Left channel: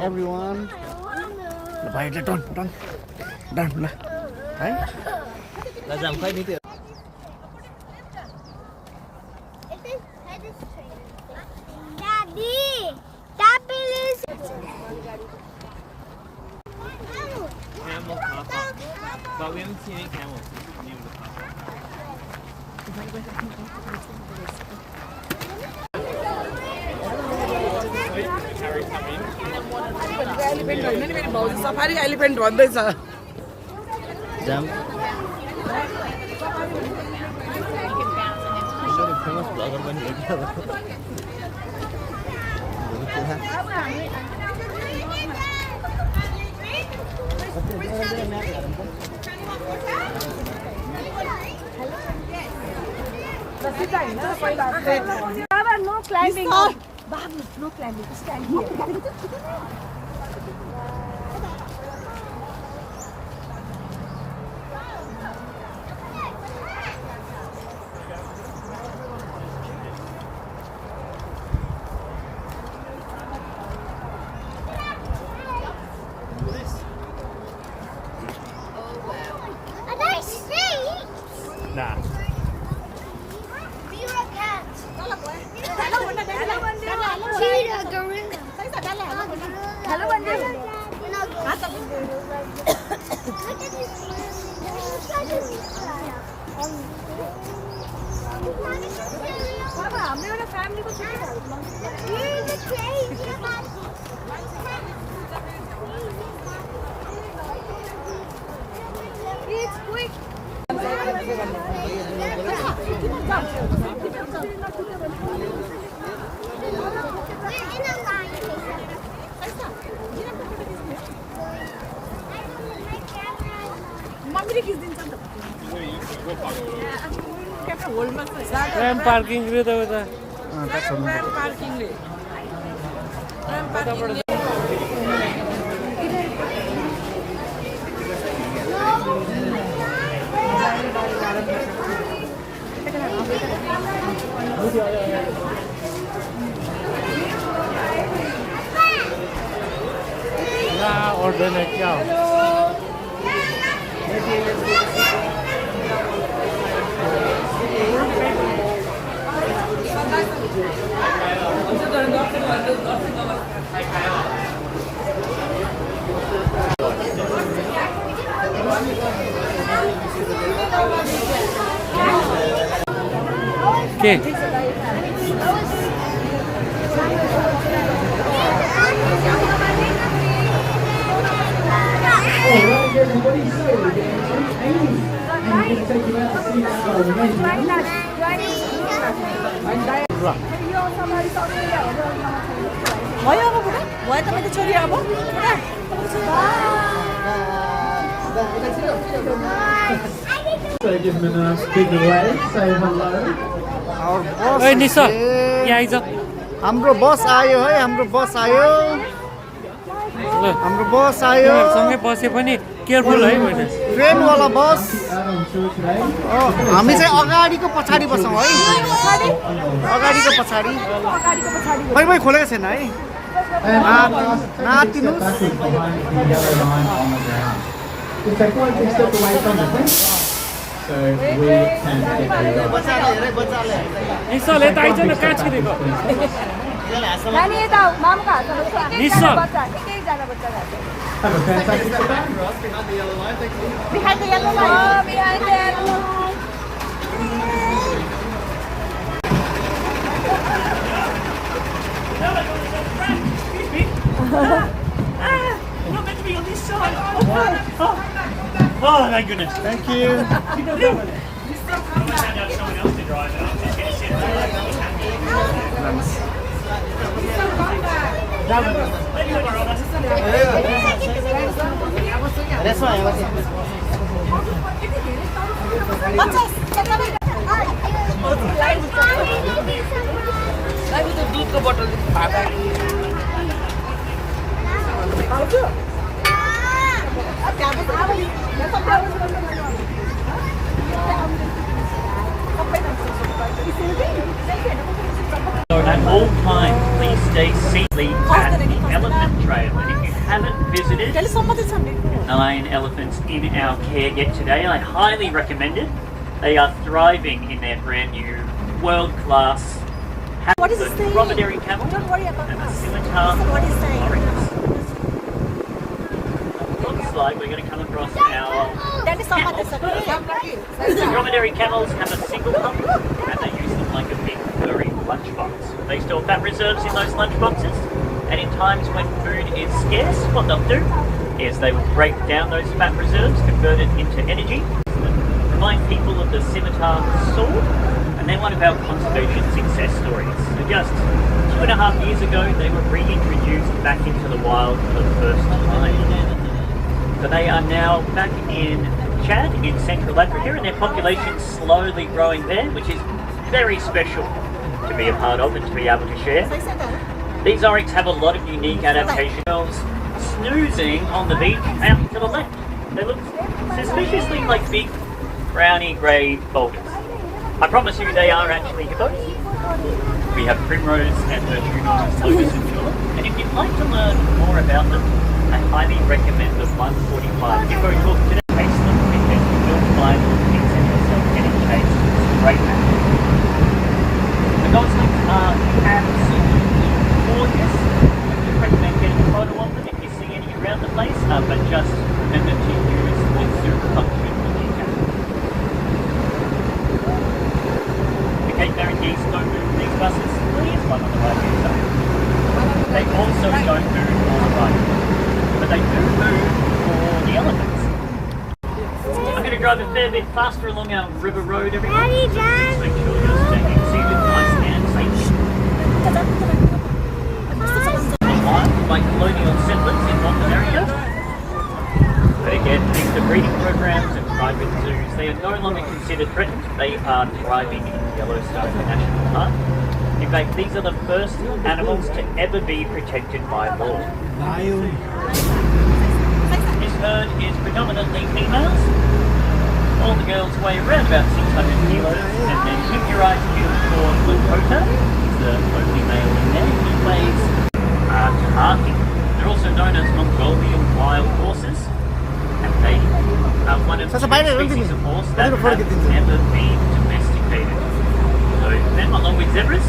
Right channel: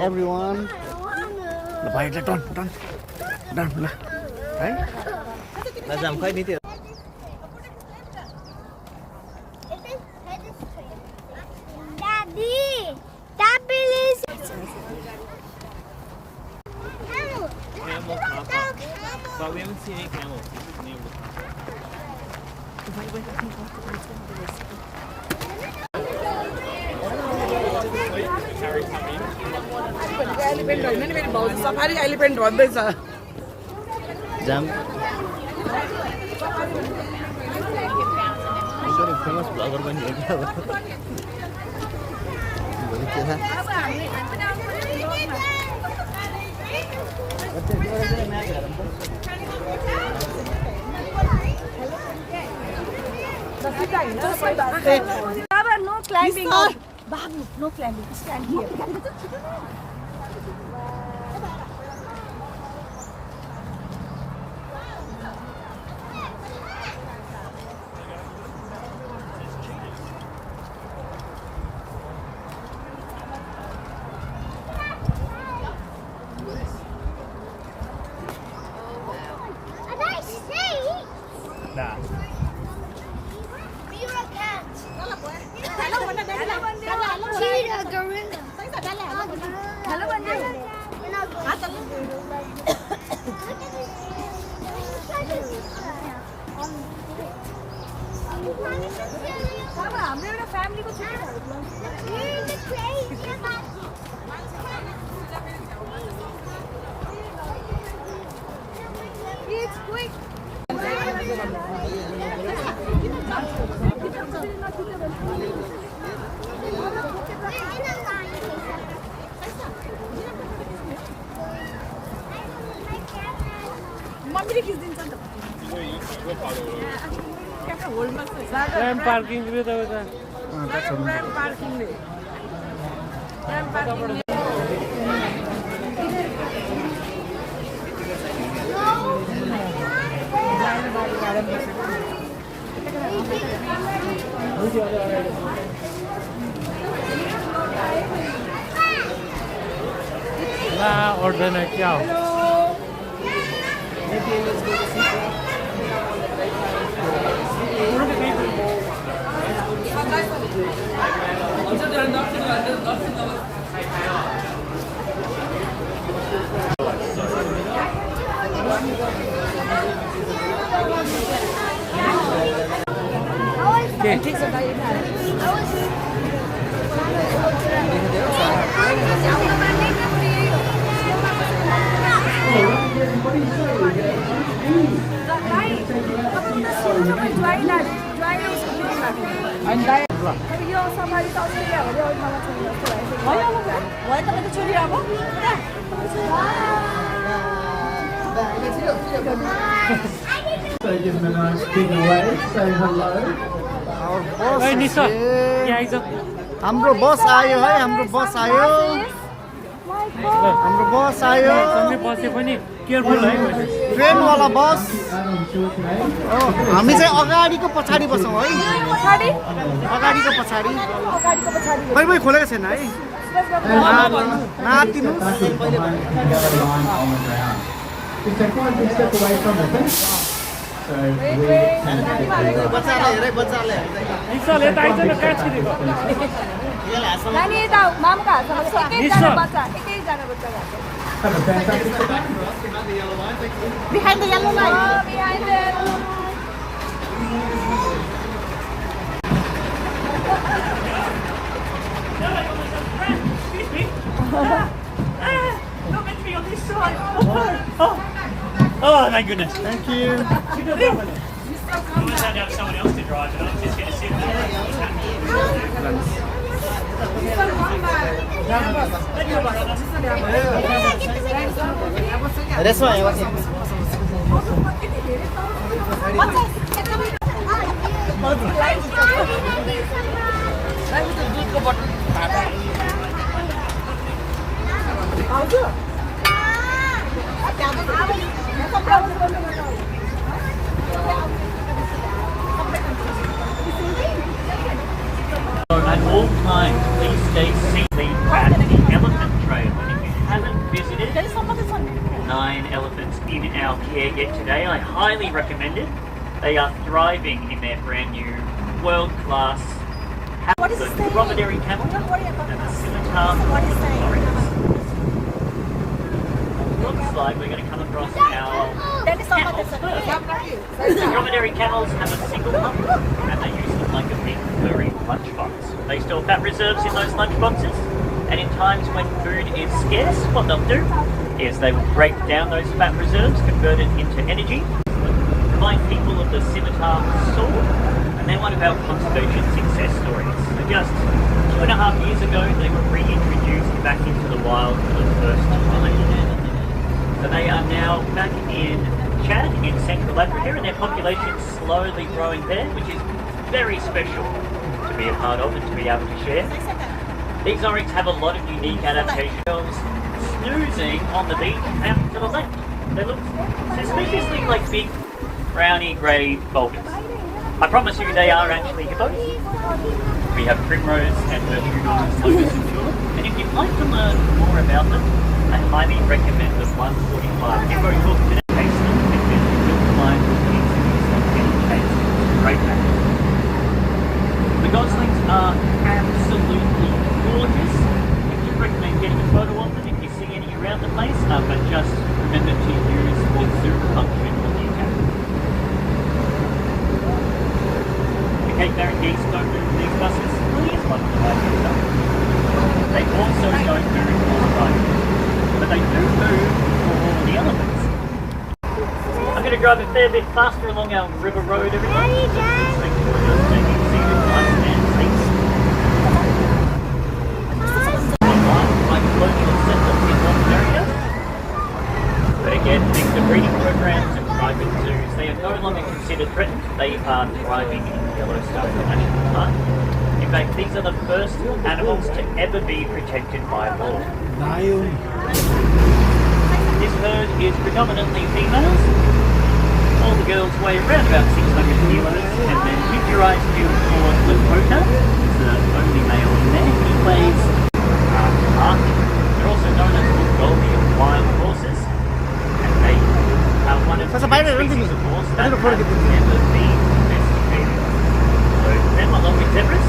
everyone. ल भाइले done done done ल है ल जाम खै नि त्यो But we haven't seen any camels near the park. Elephant होइन नि मेरो भाउजू सफारी एलिफेन्ट भन्दैछ जाम इन्डियाको फेमस ब्लगर पनि हो No climbing. Babu, no climbing. Stand here. हाम्रो एउटा फ्यामिलीको मम्मीले खिच्दिन्छ नि त Land parking with the parking order it now. Okay. So give them a nice big wave, say hello. Hey Nisa, यहाँ आइज हाम्रो बस आयो है हाम्रो बस आयो हाम्रो बस आयो सँगै बसे पनि केयरफुल है भने ट्रेन वाला बस हामी चाहिँ अगाडिको पछाडी बसौँ है अगाडिको पछाडी खै खै खोलेको छैन है नातिनुस् Just take one big step away from it. So we can निसाले त आइज न काच किनेको नानी यता मामुको हातमा एकैजना बच्चा एकैजना बच्चा have a fantastic day. behind the yellow line behind the yellow line not meant to be on this side. Oh, thank goodness. Thank you. Someone else to drive it. I'm just going to sit there. At all times, please stay seated back and elephant trail. And if you haven't visited 9 elephants in our care yet today, I highly recommend it. They are thriving in their brand new world-class dromedary camel and the scimitar warriors. Looks like we're going to come across our The dromedary camels have a single pump and they use them like a big furry lunchbox. They store fat reserves in those lunchboxes, and in times when food is scarce, what they'll do is they will break down those fat reserves, convert it into energy, remind people of the scimitar sword, and they're one of our conservation success stories. So just 2.5 years ago, they were reintroduced back into the wild for the first time. So they are now back in Chad in Central Africa, and their population's slowly growing there, which is very special to be a part of and to be able to share. These oryx have a lot of unique adaptations. Snoozing on the beach out to the left. They look suspiciously like big browny grey boulders. I promise you they are actually hippos. We have primrose and virtuosos, and if you'd like to learn more about them, I highly recommend the 145 hippo talk today. Taste them and get the milk blind cookies and some hippo taste. Great man. The goslings are absolutely gorgeous. I would recommend getting a photo of them if you see any around the place, but just remember to use the zoom function when you can. The Cape Town geese don't move these buses, please like the buses. They also don't move on the road, but they do move for all the elephants. I'm going to drive a fair bit faster along our river road every day. Just make sure you're staying seated nice and safe. Like colonial settlers in North America. But again, thanks to breeding programs and private zoos, they are no longer considered threatened. They are thriving in Yellowstone National Park. In fact, these are the first animals to ever be protected by law. This herd is predominantly females. All the girls weigh around about 600 kilos, and then Hicurite unicorn Lakota is the only male in there. He weighs nothing. They're also known as Mongolian wild horses, and they are one of the species of horse that have never been domesticated. So, them along with zebras,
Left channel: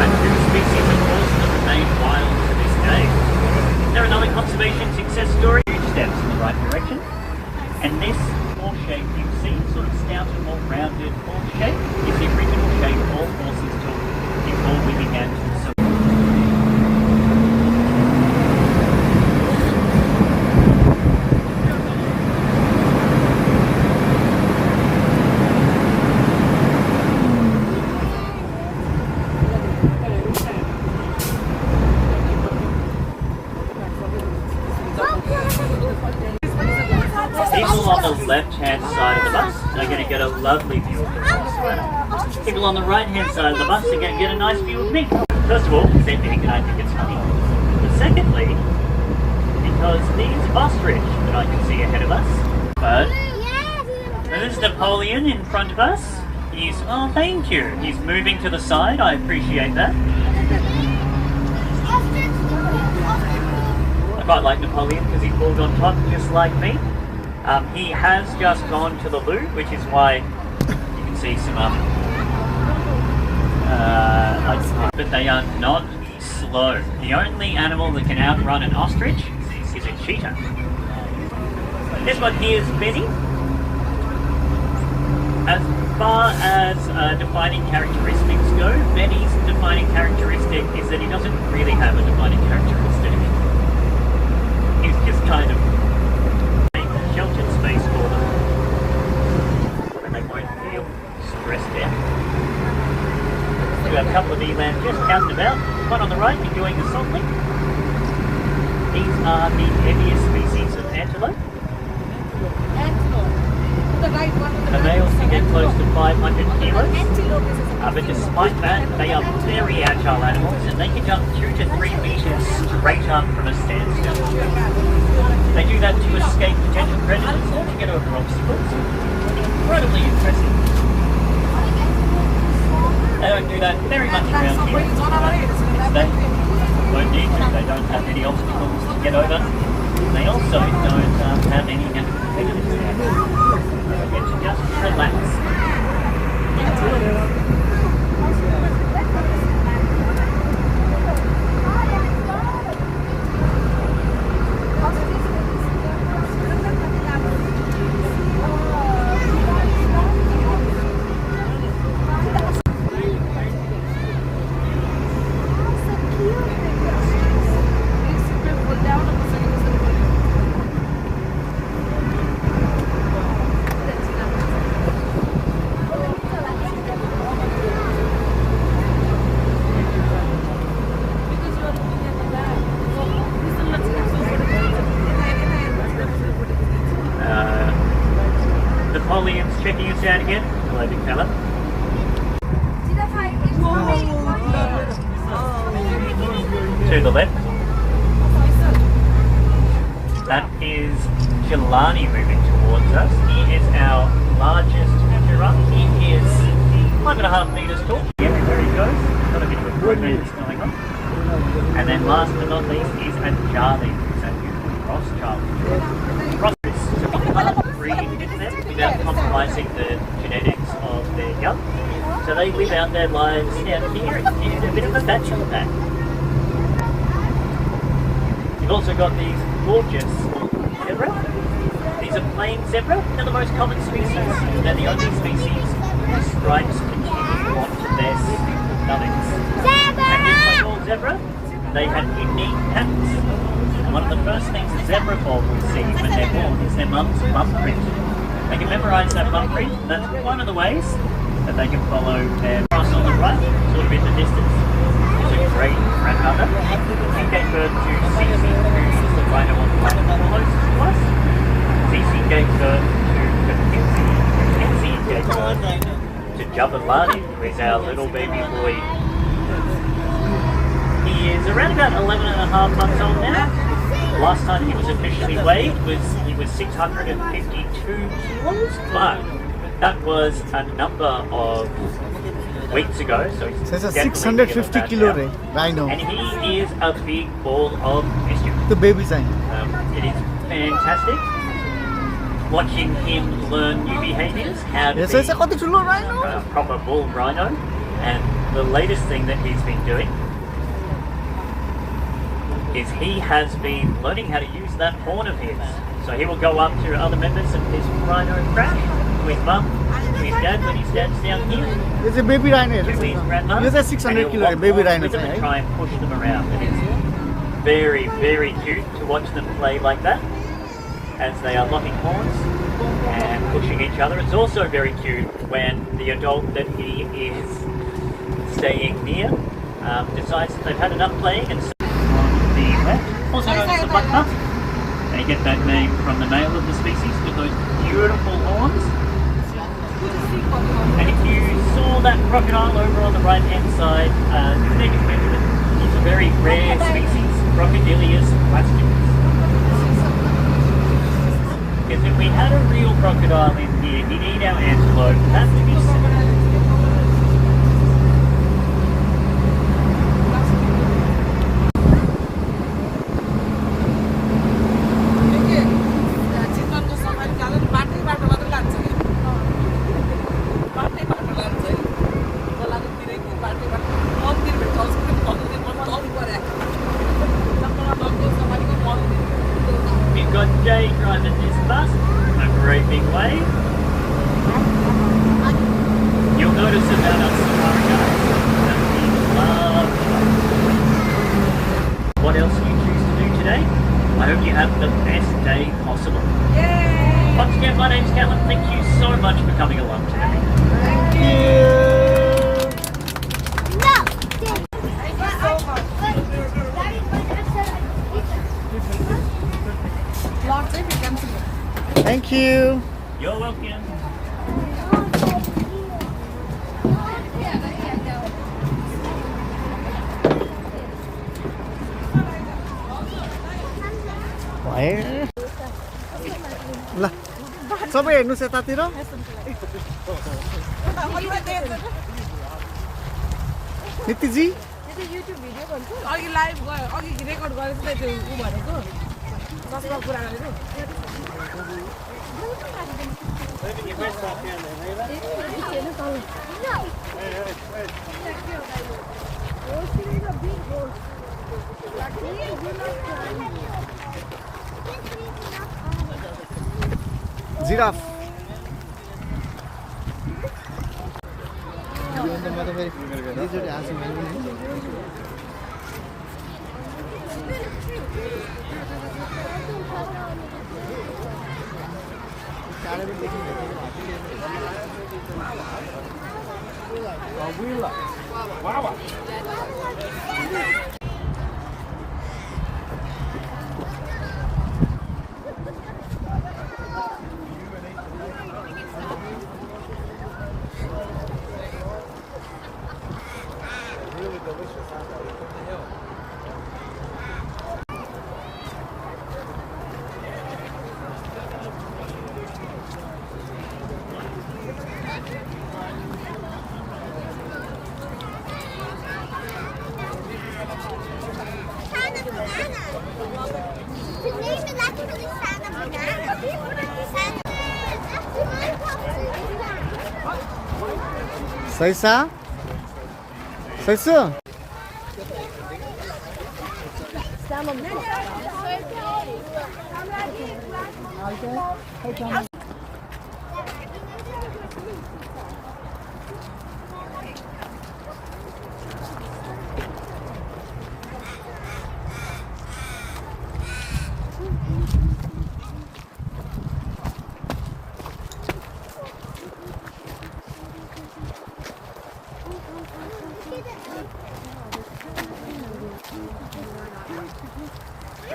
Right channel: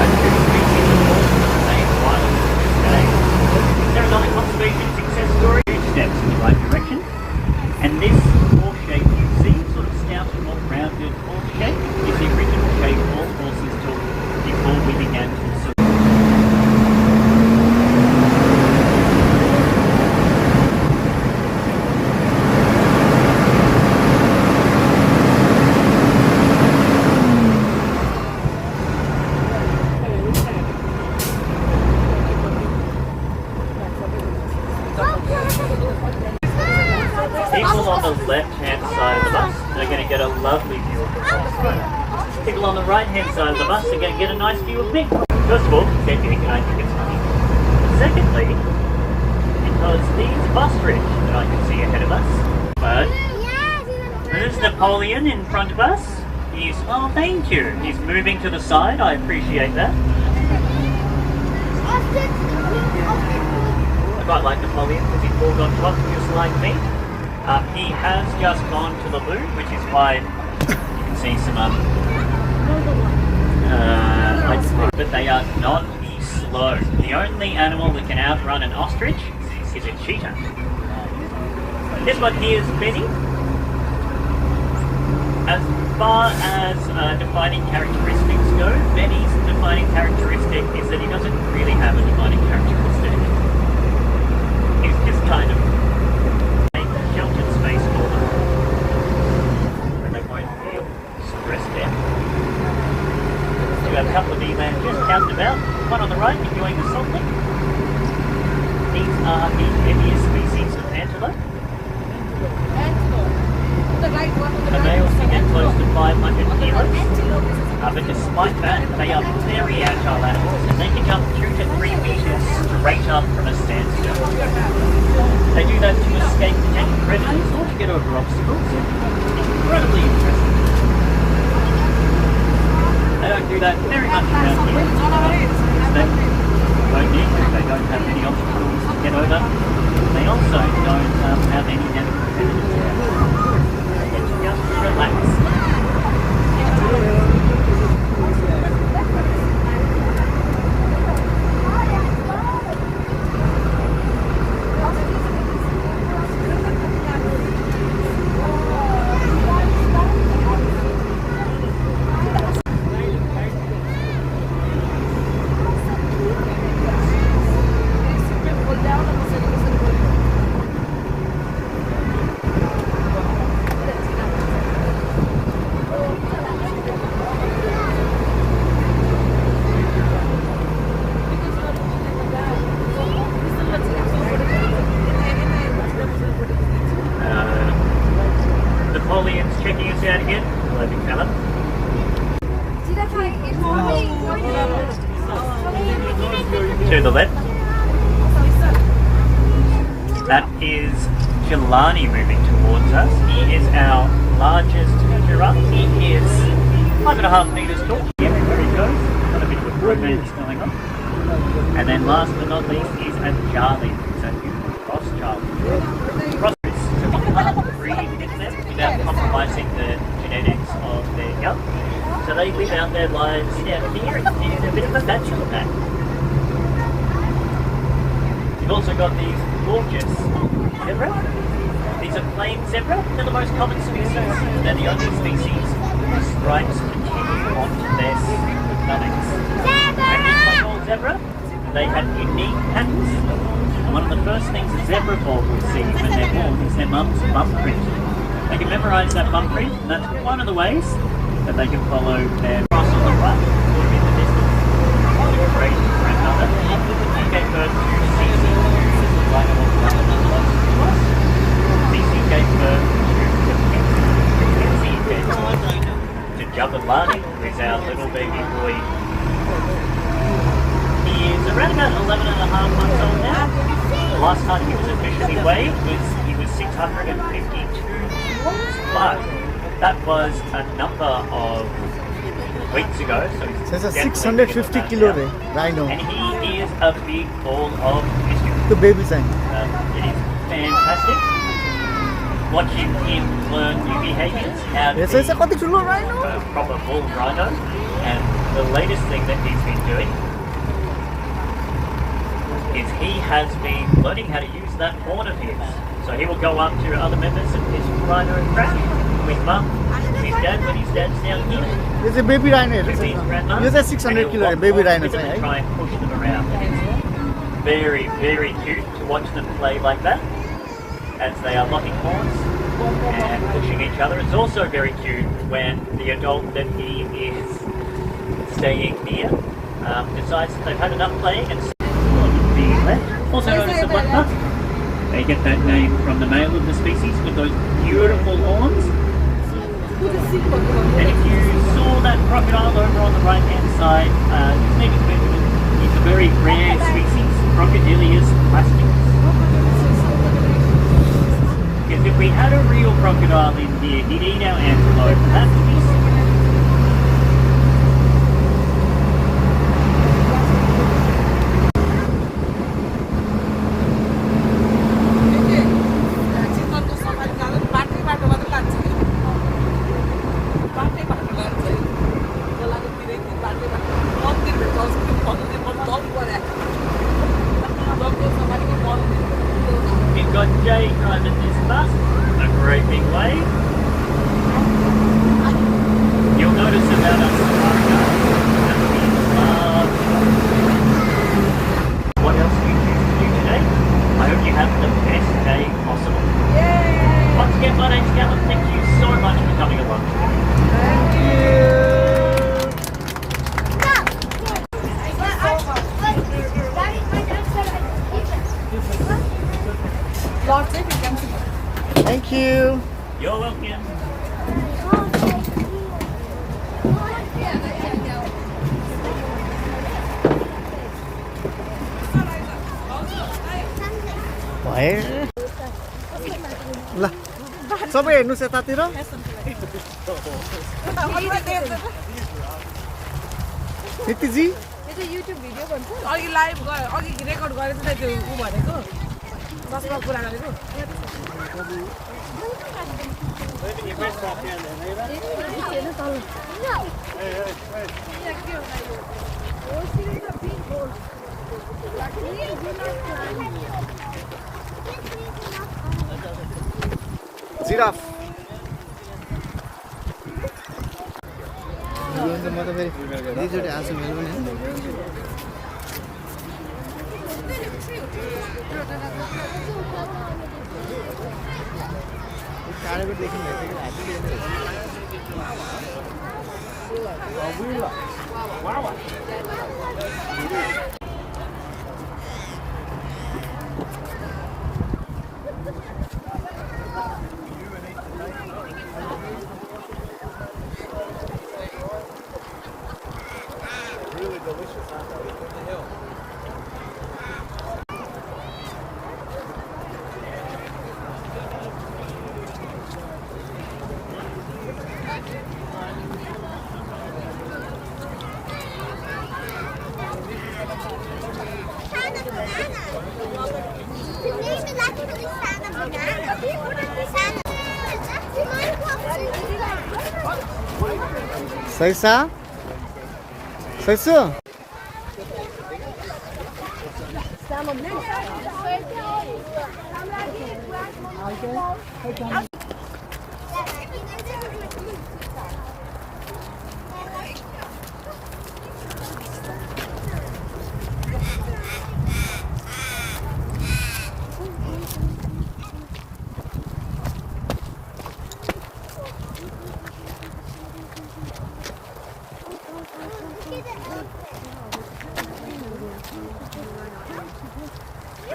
are two species of horse that remain wild to this day. They're another conservation success story. Huge steps in the right direction. And this horse shape you see, sort of stout and more rounded horse shape, is the original shape all horses took before we began to survive. People on the left-hand side of the bus are going to get a lovely view of the horse photo. People on the right-hand side of the bus are going to get a nice view of me. First of all, they're big and I think it's funny. But secondly, because these ostrich that I can see ahead of us, there's Napoleon in front of us. Oh, thank you. He's moving to the side. I appreciate that. I quite like Napoleon because he's bald on top, just like me. He has just gone to the loo, which is why you can see some but they are not slow. The only animal that can outrun an ostrich is a cheetah. This one here is Benny. As far as defining characteristics go, Benny's defining characteristic is that he doesn't really have a defining characteristic. He's just kind of sheltered space for them when they don't feel stressed out. So we have a couple of eland just out and about. One on the right enjoying the sunlight. These are the heaviest species of antelope. The males can get close to 500 kilos. But despite that, they are very agile animals and they can jump 2 to 3 meters straight up from a standstill. They do that to escape potential predators or to get over obstacles. Incredibly interesting. They don't do that very much around here. they don't need to. They don't have any obstacles to get over. They also don't have any different predators there. It's just relax. Napoleon's checking us out again. Hello, Big Callum. To the left. That is Jelani moving towards us. He is our largest giraffe. He is 5.5 meters tall. Yeah, there he goes. Got a bit of a romance going on. And then last but not least is Charlie. It's a beautiful cross Charlie. Cross is breeding against them without compromising the genetics of their young. So they live out their lives out here in a bit of a bachelor pad. You've also got these gorgeous zebra. These are plain zebra. They're the most common species. They're the only species with stripes continue onto their stomachs. And this one zebra, they have unique patterns. One of the first things a zebra foal will see when they're born is their mum's bum print. They can memorise that bum print, and that's one of the ways that they can follow their cross on the right, sort of in the distance. It's a great grandmother. She gave birth to Cece, right on the front of the was. Cece gave birth to Kinsey. Kinsey gave birth to Jabalani, who is our little baby boy. He is around about 11.5 months old now. The last time he was officially weighed he was 652 kilos, but that was a number of weeks ago. So it's a 650 kilo rhino. And he is a big ball of mischief. The baby sign. It is fantastic watching him learn new behaviours. Yes, it's a rhino. A proper bull rhino. And the latest thing that he's been doing is he has been learning how to use that horn of his. So he will go up to other members of his rhino track with mum, with dad when his dad's down here. It's a baby rhino. It's a 600 kilo baby rhino. Try and push them around. It's very, very cute to watch them play like that as they are locking horns and pushing each other. It's also very cute when the adult that he is staying near decides that they've had enough playing and the left, also known as the black pup. They get that name from the male of the species with those beautiful horns. And if you saw that crocodile over on the right hand side, just take a look at it. It's a very rare species, Crocodilius plastics. Because if we had a real crocodile in here, he'd eat our antelope. That's to be Thank you. You're welcome. Where? Lah, सबै हेर्नुस् यतातिर नितिजी YouTube video भन्छ अघि live गयो अघि record गरेको त त्यो उ भनेको बसमा कुरा गरेको giraffe सैसा सैसो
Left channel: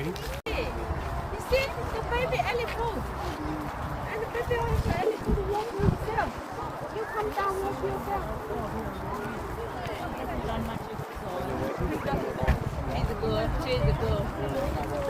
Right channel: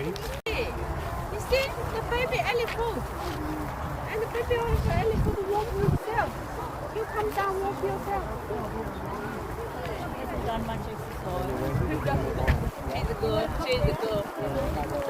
You see the baby elephant, and the baby wants the elephant to walk with himself. You come down, walk yourself. She's a girl. She's a girl.